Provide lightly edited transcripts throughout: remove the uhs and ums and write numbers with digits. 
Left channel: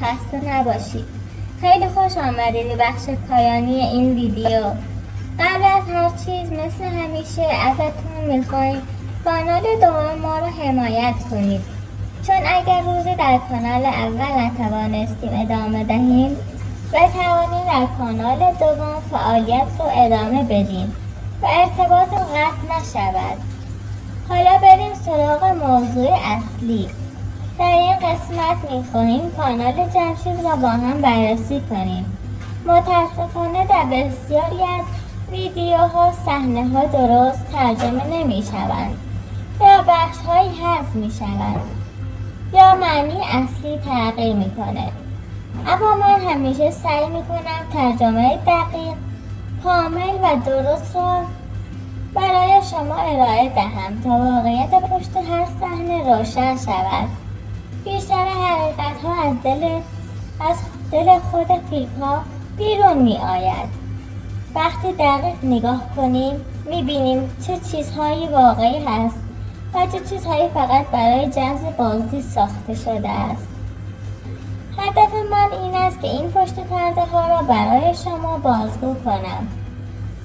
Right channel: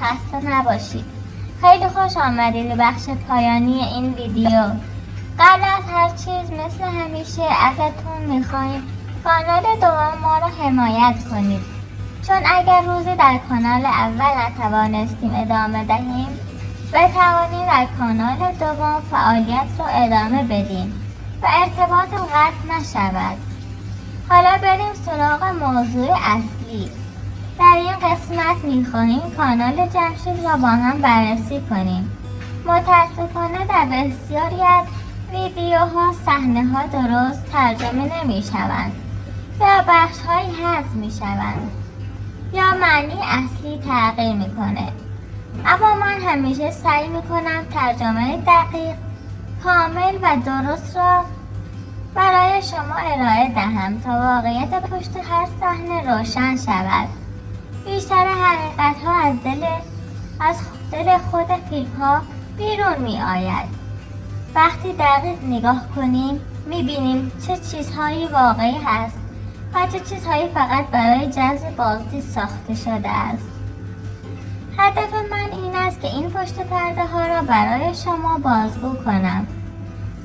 خسته نباشید. خیلی خوش آمدید به بخش پایانی این ویدیو. قبل از هر چیز مثل همیشه ازتون میخوایم کانال دوم ما رو حمایت کنید، چون اگر روزی در کانال اول نتوانستیم ادامه دهیم بتوانیم در کانال دوم فعالیت رو ادامه بدیم و ارتباط قطع نشود. حالا بریم سراغ موضوع اصلی. در این قسمت میخواهیم کانال جمشید را با هم بررسی کنیم. متاسفانه در بسیاری از ویدیوها صحنه‌ها درست ترجمه نمیشوند یا بخش‌هایی حذف میشوند یا معنی اصلی تغییر میکنه. اما من همیشه سعی میکنم ترجمه دقیق، کامل و درست را برای شما ارائه دهم تا واقعیت پشت هر صحنه روشن شود. بیشتر حقیقت‌ها از دل خود فیلم‌ها بیرون می‌آید. وقتی دقیق نگاه کنیم می‌بینیم چه چیزهایی واقعی هست و چه چیزهایی فقط برای جذب بازدید ساخته شده است. هدف من این است که این پشت پرده ها را برای شما بازگو کنم.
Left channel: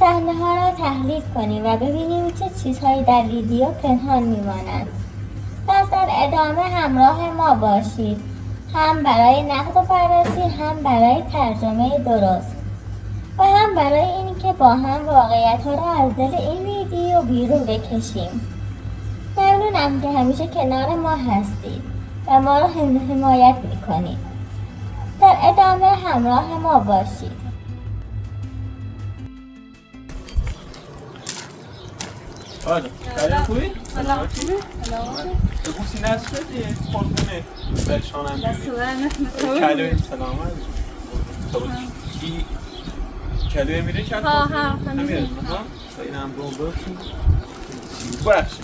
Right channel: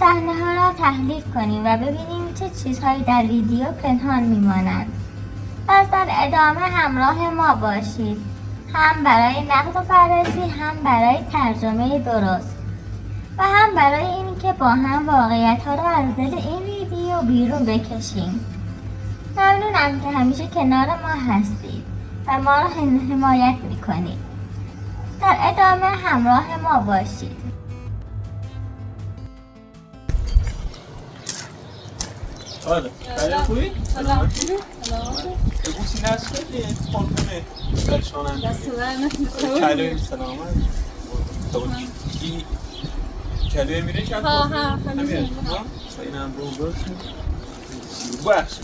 صحنه ها را تحلیل کنیم و ببینیم چه چیزهایی در ویدیو پنهان میمانند. پس در ادامه همراه ما باشید، هم برای نقد و بررسی، هم برای ترجمه درست و هم برای اینکه با هم واقعیت ها را از دل این ویدیو بیرون بکشیم. ممنونم که همیشه کنار ما هستید و ما را حمایت میکنید. در ادامه همراه ما باشید. Olha, aí eu fui. Eu vou ensinar isso aqui, pode comer. Personam. کلوی سلامت. کی کلوی میره چند ها همین ها اینم بومبرشون باشه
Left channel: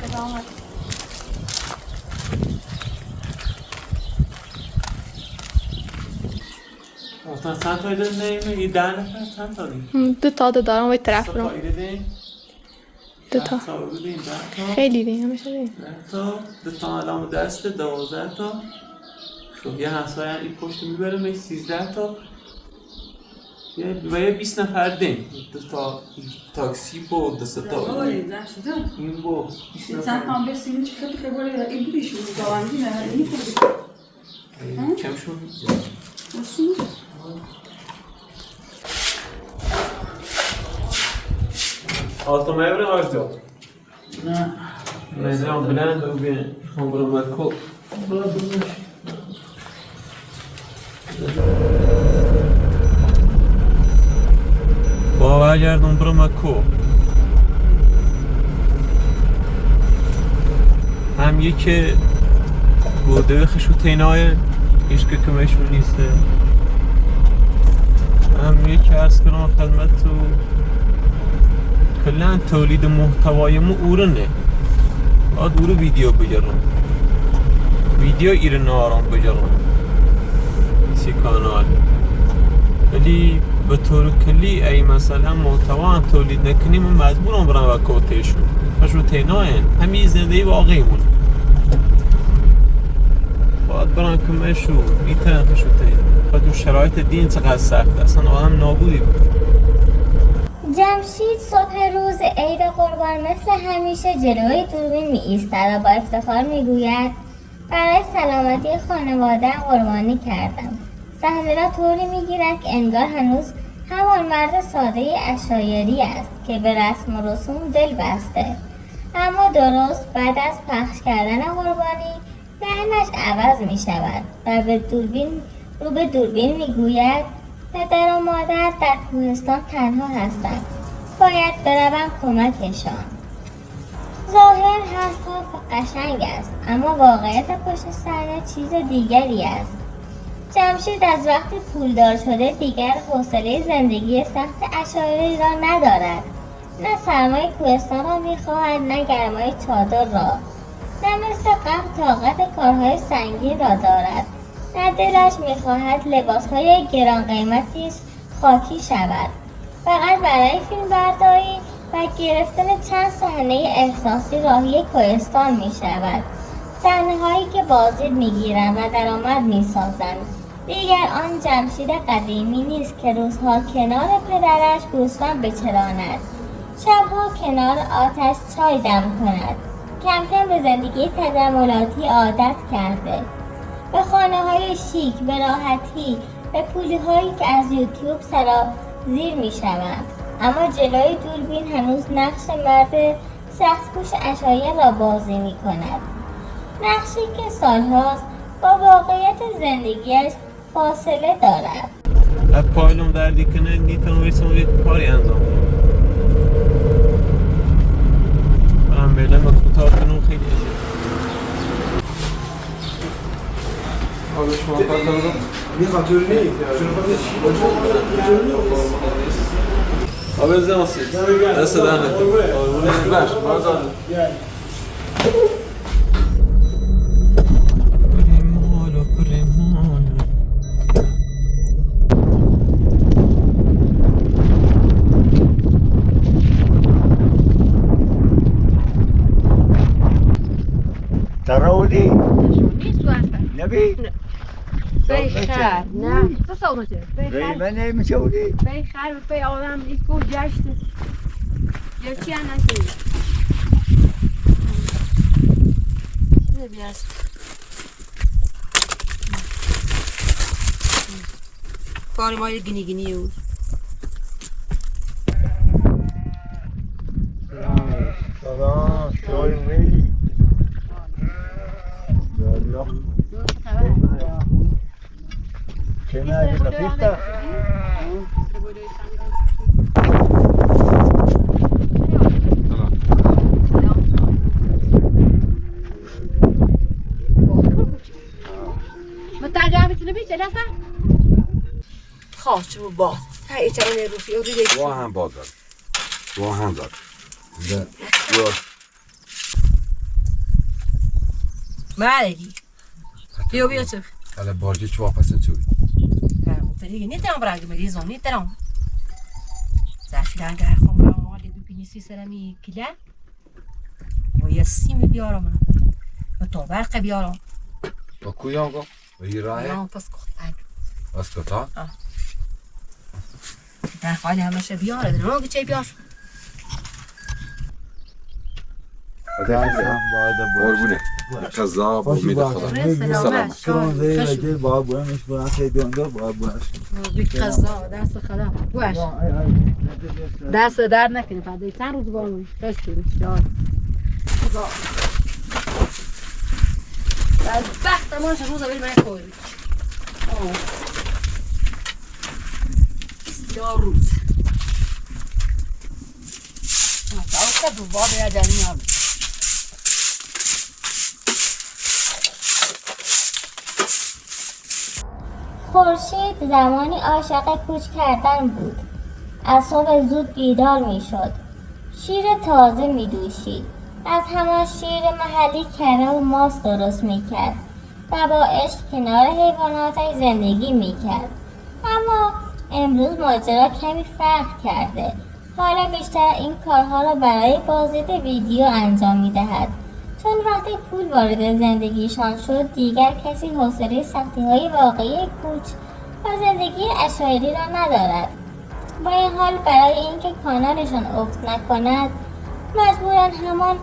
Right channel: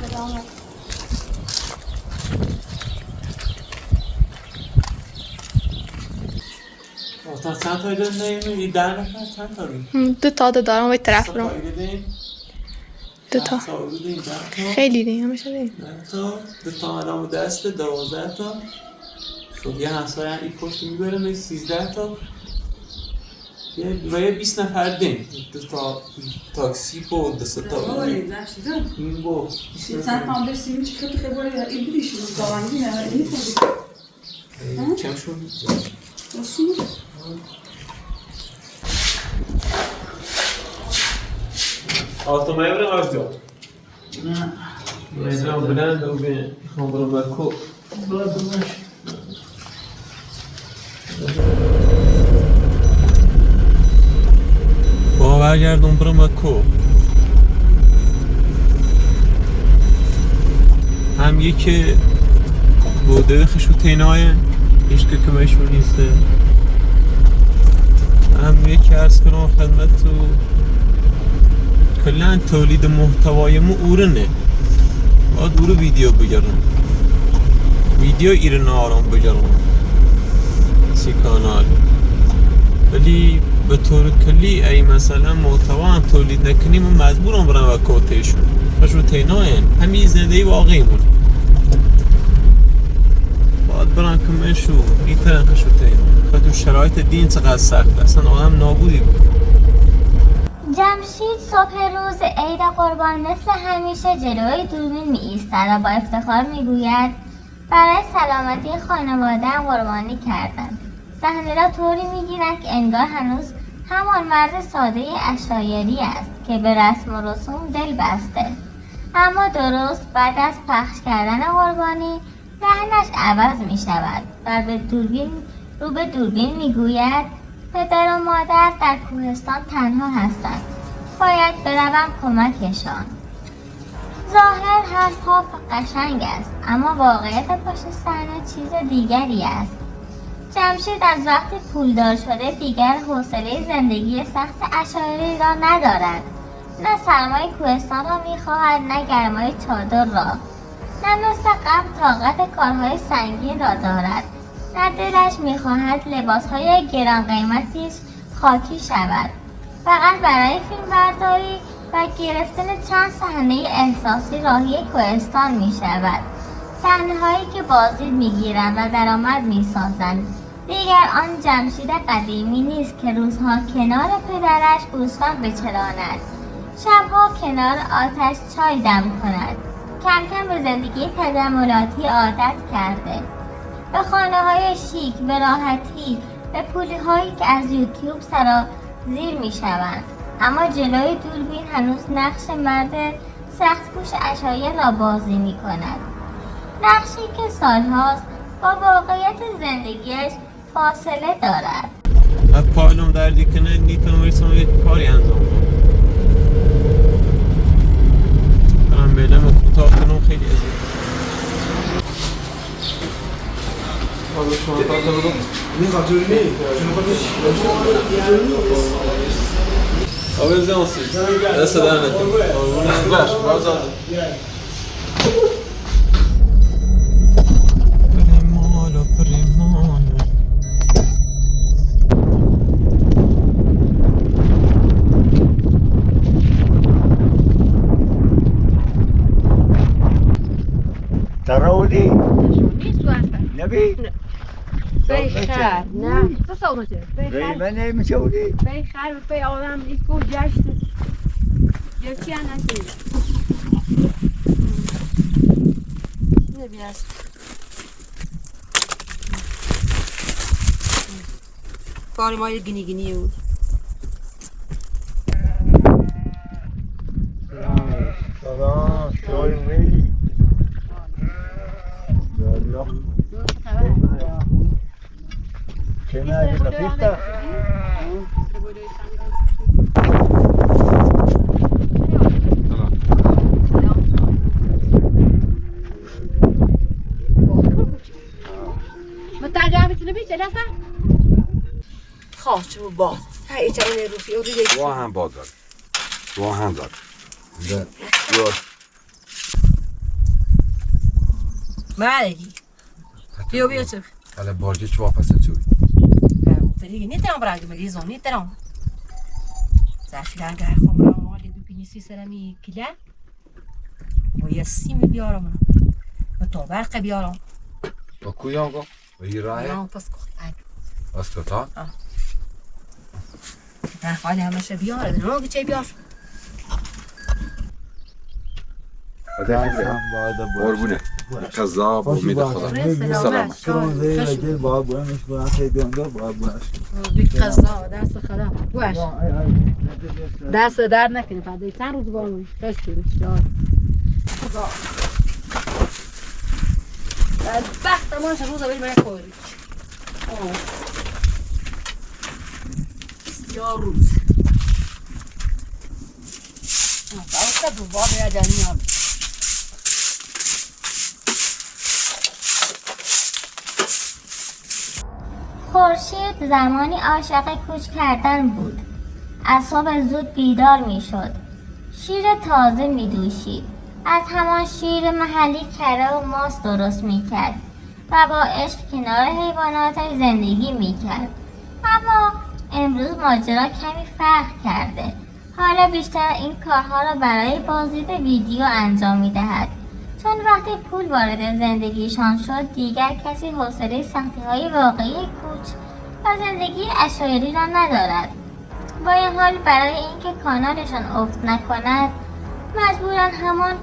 سلامت. تا چند تا ایده نمیگی 10 نفر چند تا دی؟ 2 تا دارم و طرف رو 2 تا خیلی دیگه همشه دیگه 2 تا الان دست 12 تا خب یه همسایه هم این پشت میبره به 13 تا و یه 20 نفر دیم 2 تا تاکسی با 2 تا این با Sen tam besini çıkartıp da böyle ilgili işimiz falan değil mi? Yani iyi kurduk. کمشون Nasıl? Altıma evre var diyor. Mecran bilen de bir hamuru bakko. برگردون برو مکو هم یکی بوده خشو تینای هیچ که کمشون نیسته هم یکی عرض کنم خدمت تو کلن تولید محتوای ما اورنه باید اورو ویدیو بگرم ویدیو ایرن آرام بگرم سی کانال ولی به طور کلی ای مثلا محتوا هم تولید نکنیم من مجبورم برم و کوتیشون خشو تیناین همین زندگی واقعی مونه باید برم کمشو میترن خشو تین و تو شرایط دین چقدر سخت اصلا آدم نابودی بود. جمشید صبح روز عید قربان مثل همیشه جلوی دوربین می ایستد و با افتخار می گوید برای سلامتی خانواده قربانی کردم. صحنه را طوری می گیرد که انگار هنوز همان مرد ساده عشایری است که به رسم و رسوم دل بسته، اما درست بعد از پخش کردن قربانی لحنش عوض می شود و رو به دوربین می گوید پدر و مادر در کوهستان تنها هستند، باید بروم کمکشان. ظاهر حرفها قشنگ است اما واقعیت پشت صحنه چیز دیگری است. جمشید از وقتی پولدار شده دیگر حوصله زندگی سخت عشایری را ندارد. نه سرمای کوهستان را میخواهد نه گرمای چادر را، نه مثل قبل طاقت کارهای سنگین را دارد، نه دلش میخواهد لباسهای گران قیمتیش خاکی شود. فقط برای فیلم برداری و گرفتن چند صحنه احساسی راهی کوهستان میشود. صحنه‌هایی که بازدید میگیرند و درآمد میسازند. دیگر آن جمشید قدیمی نیست که روزها کنار پدرش گوسفند بچراند، شبها کنار آتش چای دم کند. کم کم به زندگی تجملاتی عادت کرده، به خانه‌های شیک، به راحتی، به پولی‌هایی که از یوتیوب سرازیر می‌شوند. اما جلوی دوربین هنوز نقش مرد سخت‌کوش عشایر را بازی می‌کند. نقشی که سالهاست با واقعیت زندگیش فاصله دارد. از پایلم دردی کنه نیتونم یه کاری انجام کنم. برم بیلم کوتاه کنم خیلی ازید. حالا شما کارت بگم؟ میخواد جوری آبز نماسی دست در نکن آرونه بش بازار پریمالو پریمالو تراودی نیست تو هستن نبی بخیر نه تو سالمته بخیر من نمیشودی بخیر به آدم این کو گشته یا چی نکنی نبیاست کاری مایل گینی گینی بود سلام چای میلی کنار لفیفتا متعجب میتونه بیچه لسه خواه چون باز های چرا نیروفی او دیگه با هم بازار با هم دار مالگی بیا چه حالا بارجی چه واپس چوی دیگه نیتم برای مریضون نیتم زفیران گر خمران مالی دو پینیسی سرمی کلا و یه سیمی بیارم و تو برق بیارم با کجا گو و این راه بیارم پس کن بس کتا در حال همشه بیاره درنو چه بیار دستم باید قربونه قضا با امید خدا سلامت زیر باید برمش برم خیلی اندار باید برمش بی قضا دست خدا باش دست در نکنی فقط چند روز باید خشتی بسیار بدبخت ماشه روزا بریم من کوری بسیار روز تا دو باب یا جانی هم خورشید زمانی عاشق کوچ کردن بود. از صبح زود بیدار می شد. شیر تازه می دوشید. از همان شیر محلی کره و ماست درست می کرد و با عشق کنار حیواناتش زندگی می کرد. اما امروز ماجرا کمی فرق کرده. حالا بیشتر این کارها رو برای بازدید ویدیو انجام می دهد. چون وقتی پول وارد زندگیشان شد دیگر کسی حوصله سختی‌های واقعی کوچ و زندگی عشایری را ندارد. با این حال برای اینکه کانالشان افت نکند مجبورن همان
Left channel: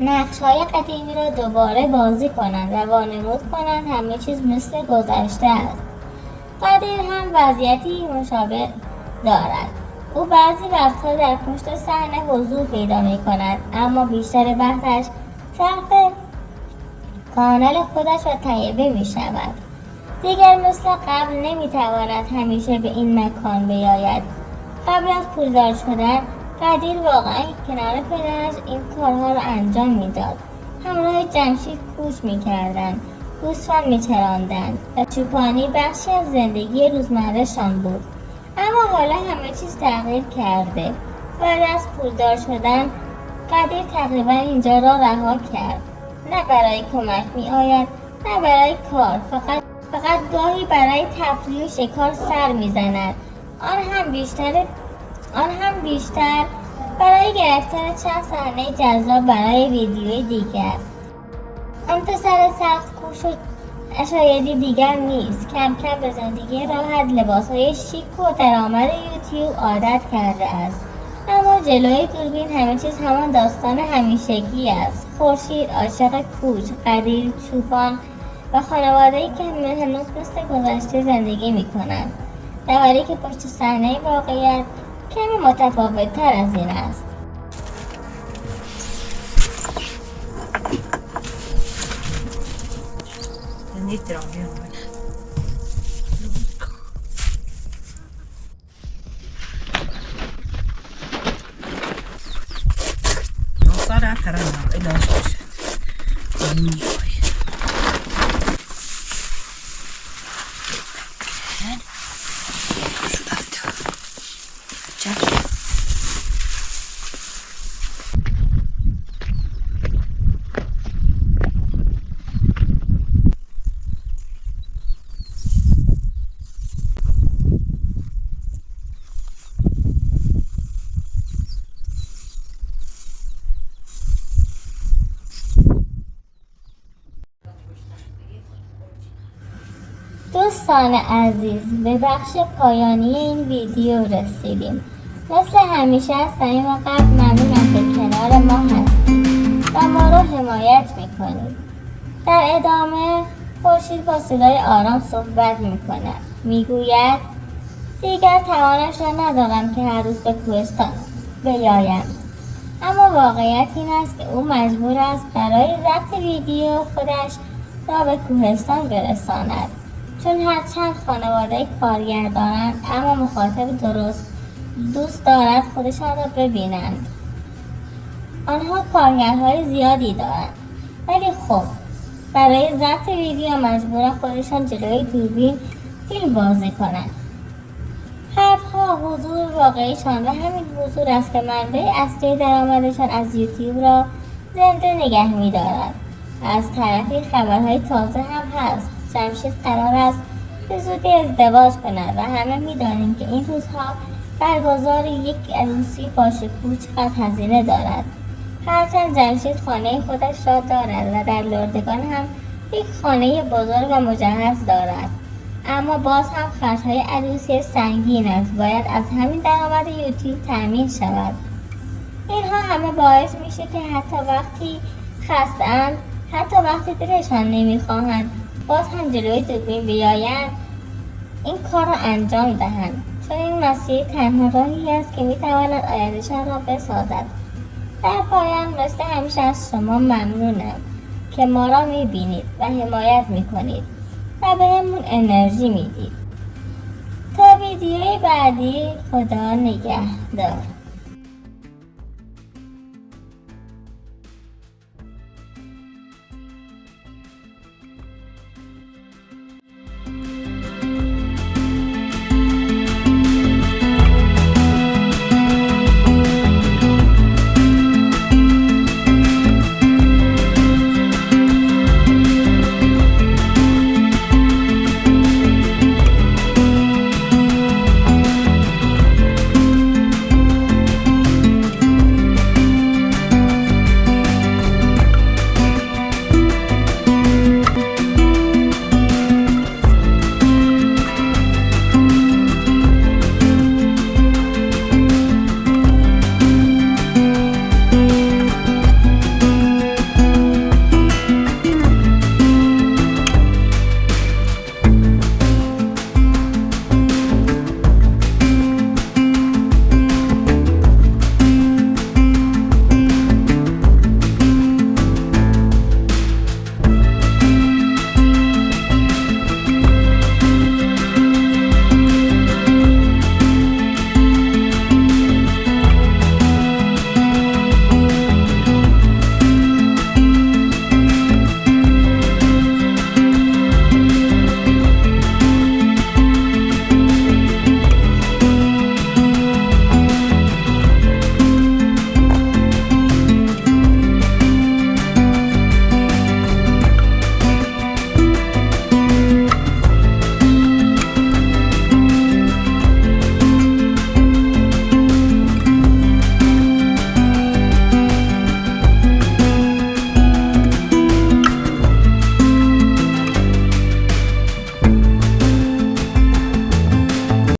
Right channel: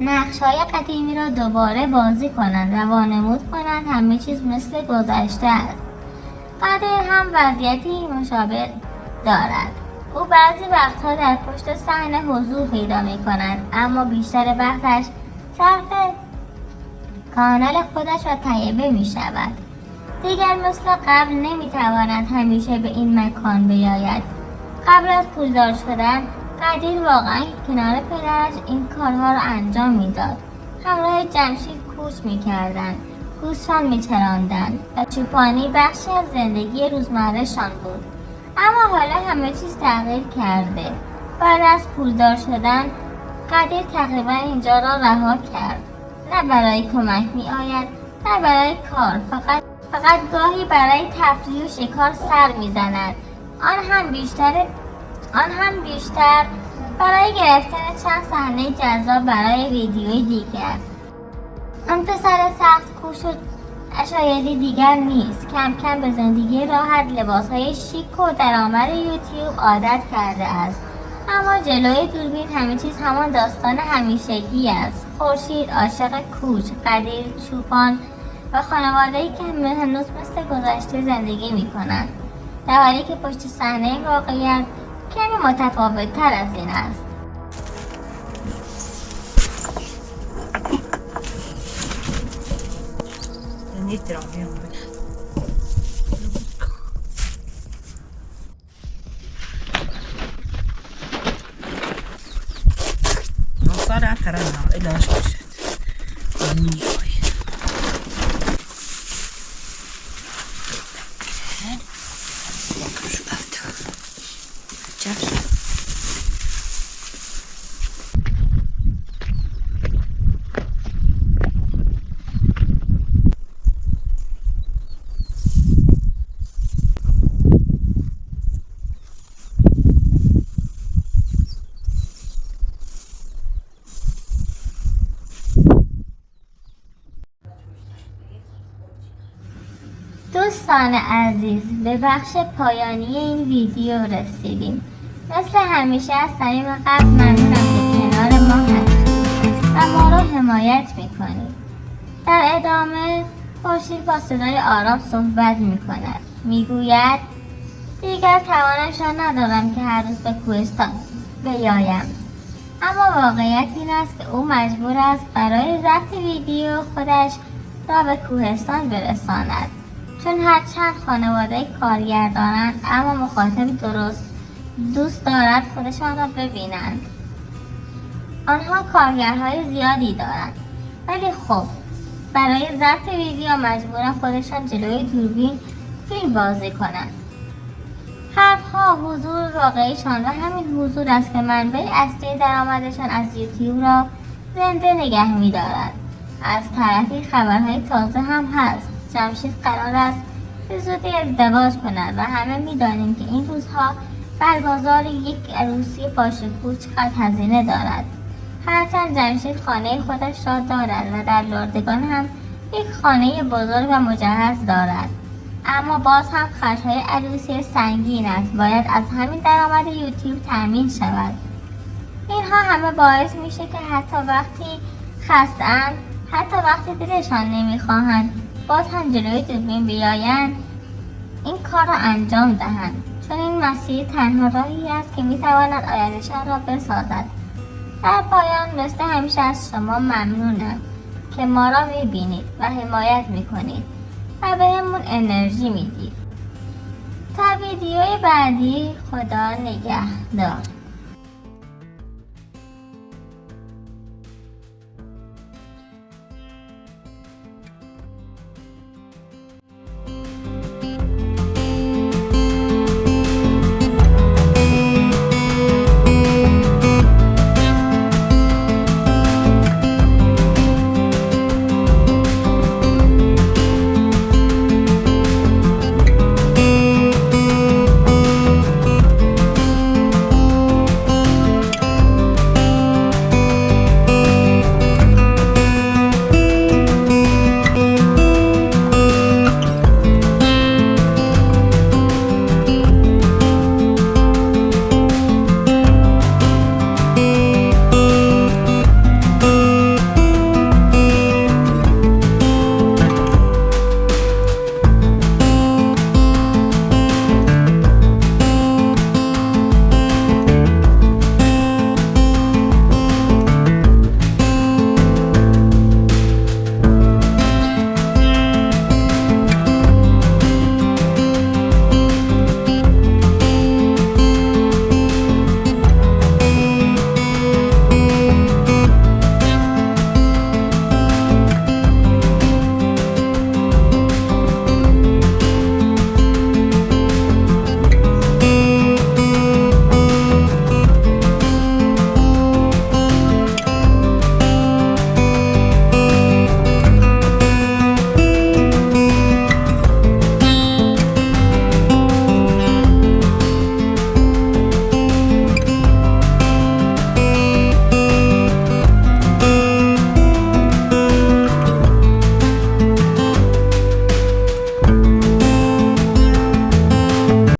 نقش‌های قدیمی را دوباره بازی کنند و وانمود کنند همه چیز مثل گذشته است. قادر هم وضعیتی مشابه دارد. او بعضی وقتها در پشت صحنه حضور پیدا می‌کند اما بیشتر وقتش صرف کانال خودش را تهیه می‌شود. دیگر مثل قبل نمی‌تواند همیشه به این مکان بیاید. قبل از پولدار شدن قدیر واقعا کنار پدرش این کارها را انجام میداد. همراه جمشید کوچ می‌کردند، گوسفند می‌چراندند و چوپانی بخشی از زندگی روزمره‌شان بود. اما حالا همه چیز تغییر کرده. بعد از پولدار شدن قدیر تقریبا اینجا را رها کرد. نه برای کمک می آید نه برای کار، فقط گاهی برای تفریح و شکار سر می زند. آن هم بیشتر برای گرفتن چند صحنه جذاب برای ویدیوی دیگر. آن پسر سخت کوش و شایدی دیگر نیست. کم کم به زندگی راحت، لباسهای شیک و درآمد یوتیوب عادت کرده است. اما جلوی دوربین همه چیز همان داستان همیشگی است. خورشید، عاشق کوچ، قدیر، چوپان و خانواده‌ای که هنوز مثل گذشته زندگی می‌کنند، در حالی که پشت صحنه واقعیت کمی متفاوت‌تر از این است. صار ترى إلى شاشة دوستان عزیز، به بخش پایانی این ویدیو رسیدیم. مثل همیشه از صمیم قلب ممنونم که کنار ما هستید و ما را حمایت میکنید. در ادامه خورشید با صدای آرام صحبت میکند. میگوید دیگر توانش را ندارم که هر روز به کوهستان بیایم، اما واقعیت این است که او مجبور است برای ضبط ویدیو خودش را به کوهستان برساند، چون هرچند خانواده کارگر دارند اما مخاطب درست دوست دارد خودشان را ببینند. آنها کارگرهای زیادی دارند، ولی خب برای ضبط ویدیو مجبورند خودشان جلوی دوربین فیلم بازی کنند. حرفها حضور واقعیشان و همین حضور است که منبع اصلی درآمدشان از یوتیوب را زنده نگه می‌دارد. از طرفی خبرهای تازه هم هست. جمشید قرار است به زودی ازدواج کند و همه می‌دانیم که این روزها برگزار یک عروسی باشکوه چقدر هزینه دارد. هرچند جمشید خانه خودش را دارد و در لردگان هم یک خانه بزرگ و مجهز دارد، اما باز هم خرج‌های عروسی سنگین است. باید از همین درآمد یوتیوب تامین شود. اینها همه باعث میشه که حتی وقتی خسته‌اند، حتی وقتی دلشان نمیخواهند باز هم جلوی دوربین بیایند این کار را انجام دهند، چون این مسیر تنها راهی است که میتواند آیندهشان را بسازد. در پایان مثل همیشه از شما ممنونم که ما را میبینید و حمایت میکنید و بهمون انرژی میدید. تا ویدیوی بعدی، خدا نگهدار.